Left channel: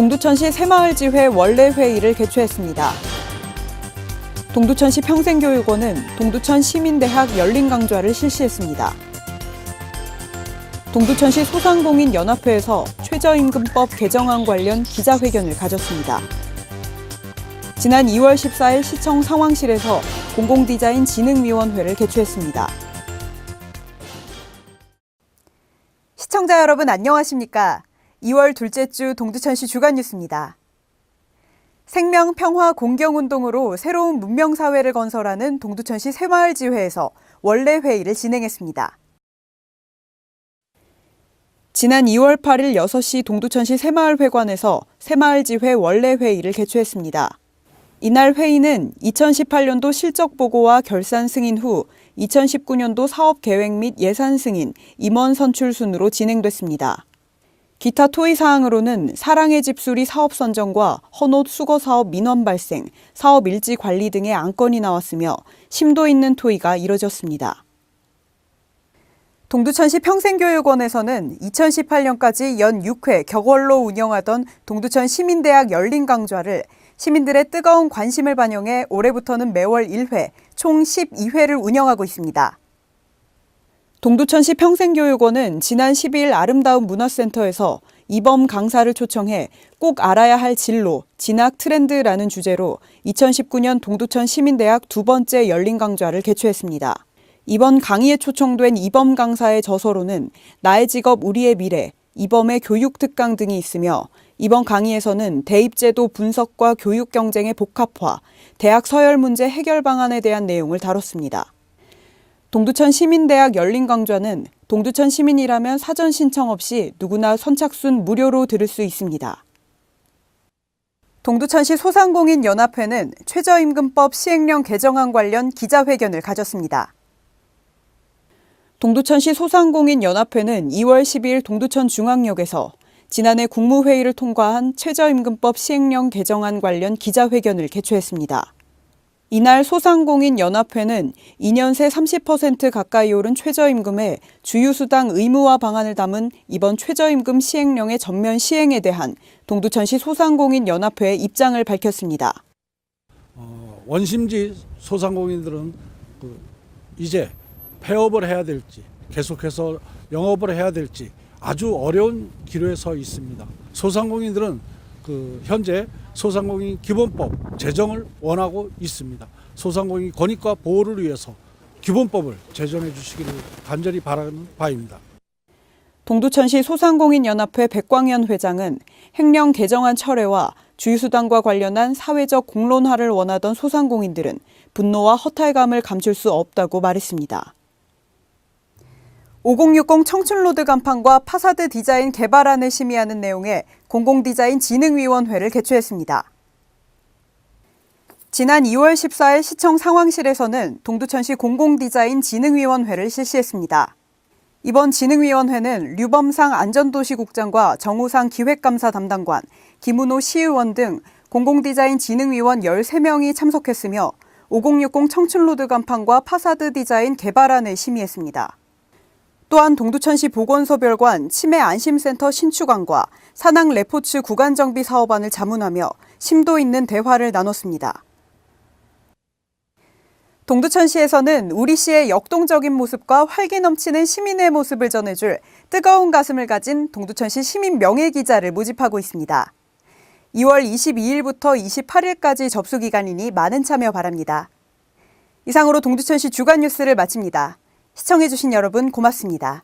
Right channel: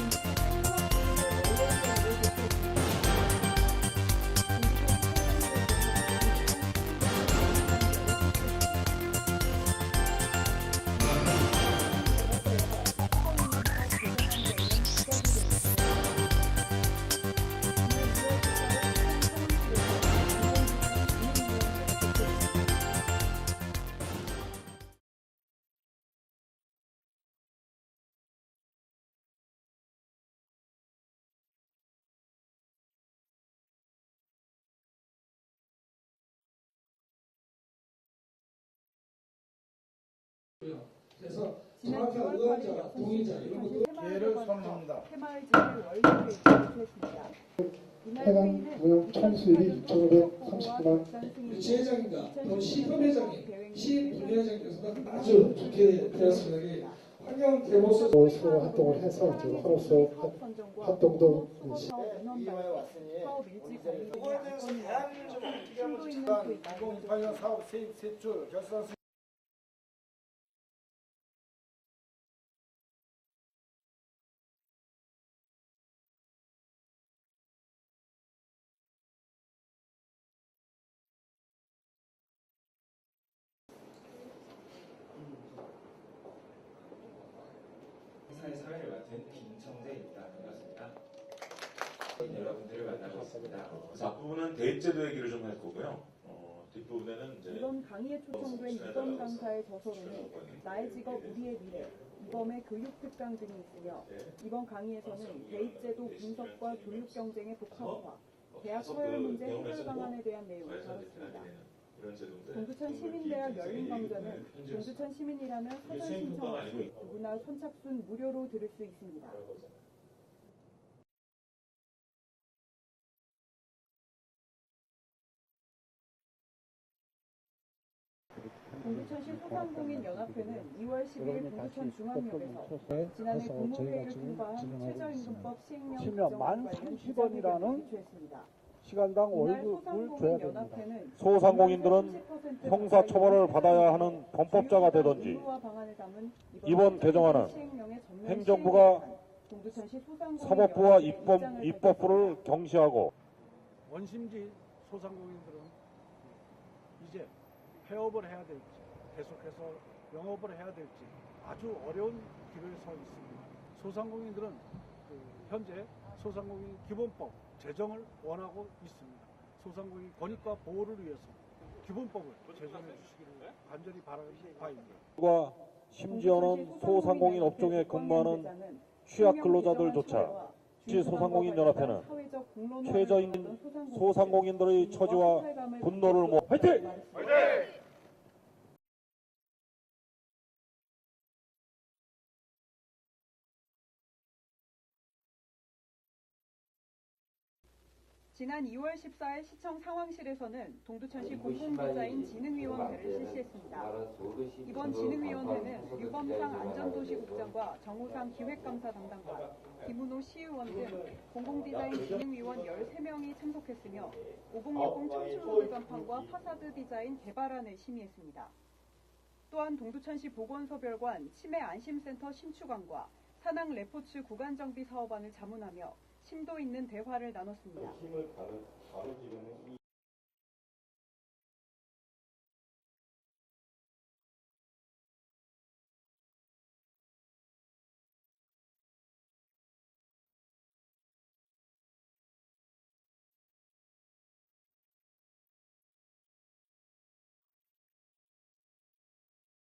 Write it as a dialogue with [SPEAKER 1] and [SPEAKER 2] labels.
[SPEAKER 1] 동두천시 새마을지회 원래 회의를 개최했습니다. 동두천시 평생교육원은 동두천 시민대학 열린강좌를 실시했습니다. 동두천시 소상공인 연합회에서 최저임금법 개정안 관련 기자회견을 가졌습니다. 지난 2월 14일 시청 상황실에서 공공디자인 진흥위원회를 개최했습니다. 시청자 여러분 안녕하십니까? 2월 둘째 주 동두천 시 주간 뉴스입니다. 생명, 평화, 공경 운동으로 새로운 문명 사회를 건설하는 동두천시 새마을 지회에서 원래 회의를 진행했습니다. 지난 2월 8일 6시 동두천시 새마을회관에서 새마을지회 원래 회의를 개최했습니다. 이날 회의는 2018년도 실적 보고와 결산 승인 후 2019년도 사업 계획 및 예산 승인, 임원 선출 순으로 진행됐습니다. 기타 토의 사항으로는 사랑의 집수리 사업 선정과 헌옷 수거 사업 민원 발생, 사업 일지 관리 등의 안건이 나왔으며 심도 있는 토의가 이뤄졌습니다. 동두천시 평생교육원에서는 2018년까지 연 6회 격월로 운영하던 동두천 시민대학 열린 강좌를 시민들의 뜨거운 관심을 반영해 올해부터는 매월 1회, 총 12회를 운영하고 있습니다. 동두천시 평생교육원은 지난 12일 아름다운 문화센터에서 이범 강사를 초청해 꼭 알아야 할 진로, 진학 트렌드라는 주제로 2019년 동두천 시민대학 두 번째 열린 강좌를 개최했습니다. 이번 강의에 초청된 이범 강사의 저서로는 나의 직업 우리의 미래, 이범의 교육 특강 등이 있으며 이번 강의에서는 대입제도 분석과 교육 경쟁의 복합화, 대학 서열 문제 해결 방안에 대한 내용을 다뤘습니다. 동두천 시민대학 열린 강좌는 동두천 시민이라면 사전 신청 없이 누구나 선착순 무료로 들을 수 있습니다. 동두천시 소상공인 연합회는 최저임금법 시행령 개정안 관련 기자회견을 가졌습니다. 동두천시 소상공인 연합회는 2월 12일 동두천 중앙역에서 지난해 국무회의를 통과한 최저임금법 시행령 개정안 관련 기자회견을 개최했습니다. 이날 소상공인 연합회는 2년 새 30% 가까이 오른 최저임금에 주유수당 의무화 방안을 담은 이번 최저임금 시행령의 전면 시행에 대한 동두천시 소상공인 연합회의 입장을 밝혔습니다.
[SPEAKER 2] 어, 원심지 소상공인들은 그 이제 폐업을 해야 될지 계속해서 영업을 해야 될지 아주 어려운 기로에 서 있습니다. 소상공인들은 그 현재 소상공인 기본법 제정을 원하고 있습니다. 소상공인 권익과 보호를 위해서 기본법을 제정해 주시기를 간절히 바라는 바입니다.
[SPEAKER 1] 동두천시 소상공인연합회 백광현 회장은 행령 개정안 철회와 주유수당과 관련한 사회적 공론화를 원하던 소상공인들은 분노와 허탈감을 감출 수 없다고 말했습니다. 5060 청춘로드 간판과 파사드 디자인 개발안을 심의하는 내용의 공공디자인 진흥위원회를 개최했습니다. 지난 2월 14일 시청 상황실에서는 동두천시 공공디자인 진흥위원회를 실시했습니다. 이번 진흥위원회는 류범상 안전도시국장과 정우상 기획감사 담당관, 김은호 시의원 등 공공디자인 진흥위원 13명이 참석했으며 5060 청춘로드 간판과 파사드 디자인 개발안을 심의했습니다. 또한 동두천시 보건소별관 치매 안심센터 신축안과 산악 레포츠 구간 정비 사업안을 자문하며 심도 있는 대화를 나눴습니다. 동두천시에서는 우리 시의 역동적인 모습과 활기 넘치는 시민의 모습을 전해줄 뜨거운 가슴을 가진 동두천시 시민 명예 기자를 모집하고 있습니다. 2월 22일부터 28일까지 접수 기간이니 많은 참여 바랍니다. 이상으로 동두천시 주간 뉴스를 마칩니다. 시청해주신 여러분 고맙습니다.